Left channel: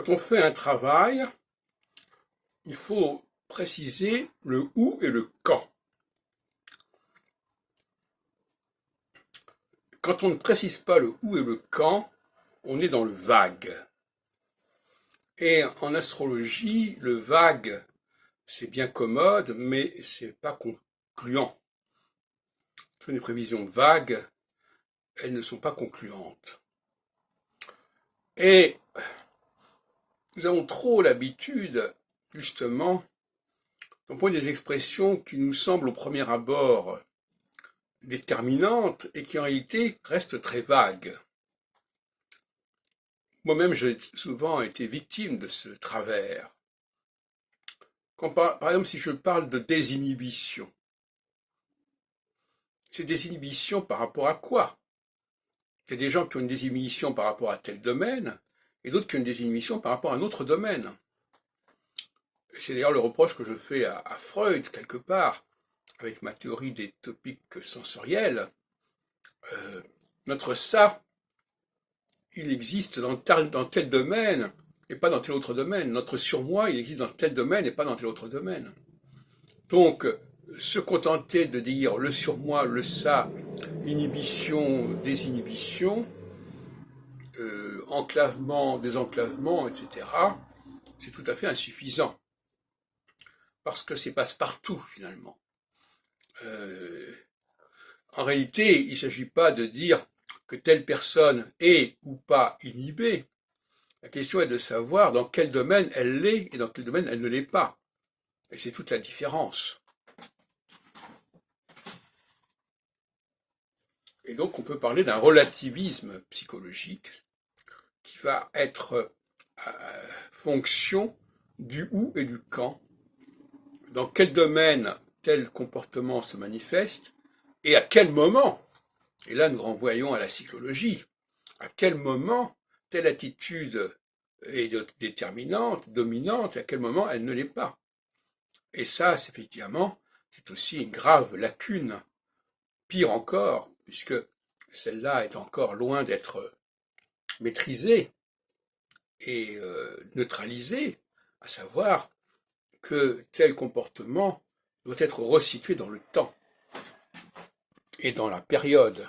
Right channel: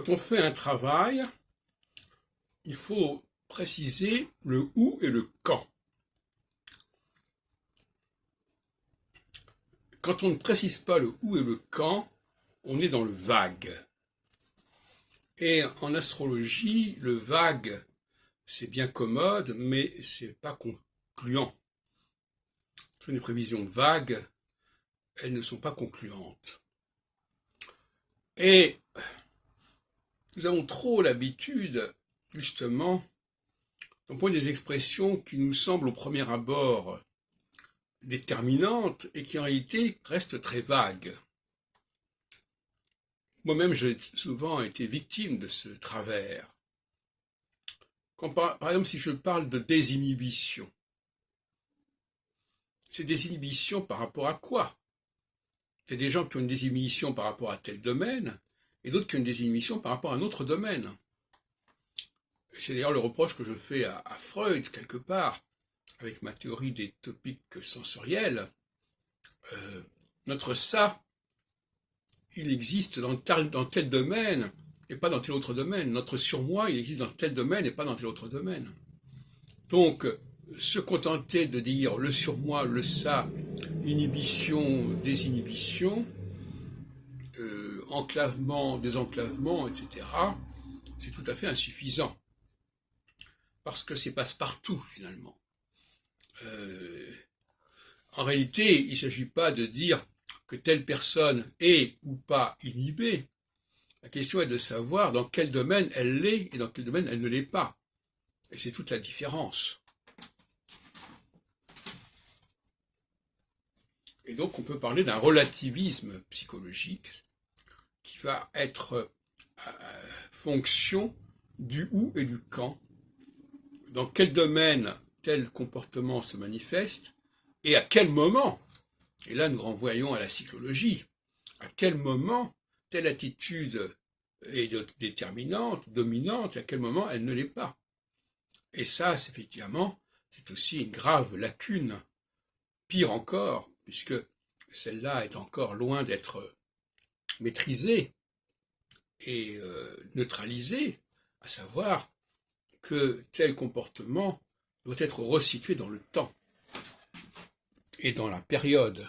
Quand on fait un travail, il faut préciser le où et le quand. Quand on ne précise pas le où et le quand, on est dans le vague. Et en astrologie, le vague, c'est bien commode, mais c'est pas concluant. Toutes les prévisions vagues, elles ne sont pas concluantes. Et nous avons trop l'habitude, justement, d'employer des expressions qui nous semblent au premier abord déterminantes et qui en réalité restent très vagues. Moi-même, j'ai souvent été victime de ce travers. Par exemple, si je parle de désinhibition, c'est désinhibition par rapport à quoi? Il y a des gens qui ont une désinhibition par rapport à tel domaine, et d'autres qui ont une désinhibition par rapport à un autre domaine. C'est d'ailleurs le reproche que je fais à Freud, quelque part, avec ma théorie des topiques sensoriels. Notre ça, il existe dans tel domaine et pas dans tel autre domaine. Notre surmoi, il existe dans tel domaine et pas dans tel autre domaine. Donc, se contenter de dire le surmoi, le ça, inhibition, désinhibition, enclavement, désenclavement, etc., c'est tout à fait insuffisant. Parce que c'est passe-partout, finalement. En réalité, il ne s'agit pas de dire que telle personne est ou pas inhibée. La question est de savoir dans quel domaine elle l'est et dans quel domaine elle ne l'est pas. Et c'est toute la différence. Et donc on peut parler d'un relativisme psychologique qui va être fonction du où et du quand, dans quel domaine tel comportement se manifeste et à quel moment. Et là nous renvoyons à la psychologie. À quel moment telle attitude est déterminante, dominante, et à quel moment elle ne l'est pas. Et ça, effectivement, c'est aussi une grave lacune. Pire encore, puisque celle-là est encore loin d'être maîtrisée et neutralisée, à savoir que tel comportement doit être resitué dans le temps et dans la période.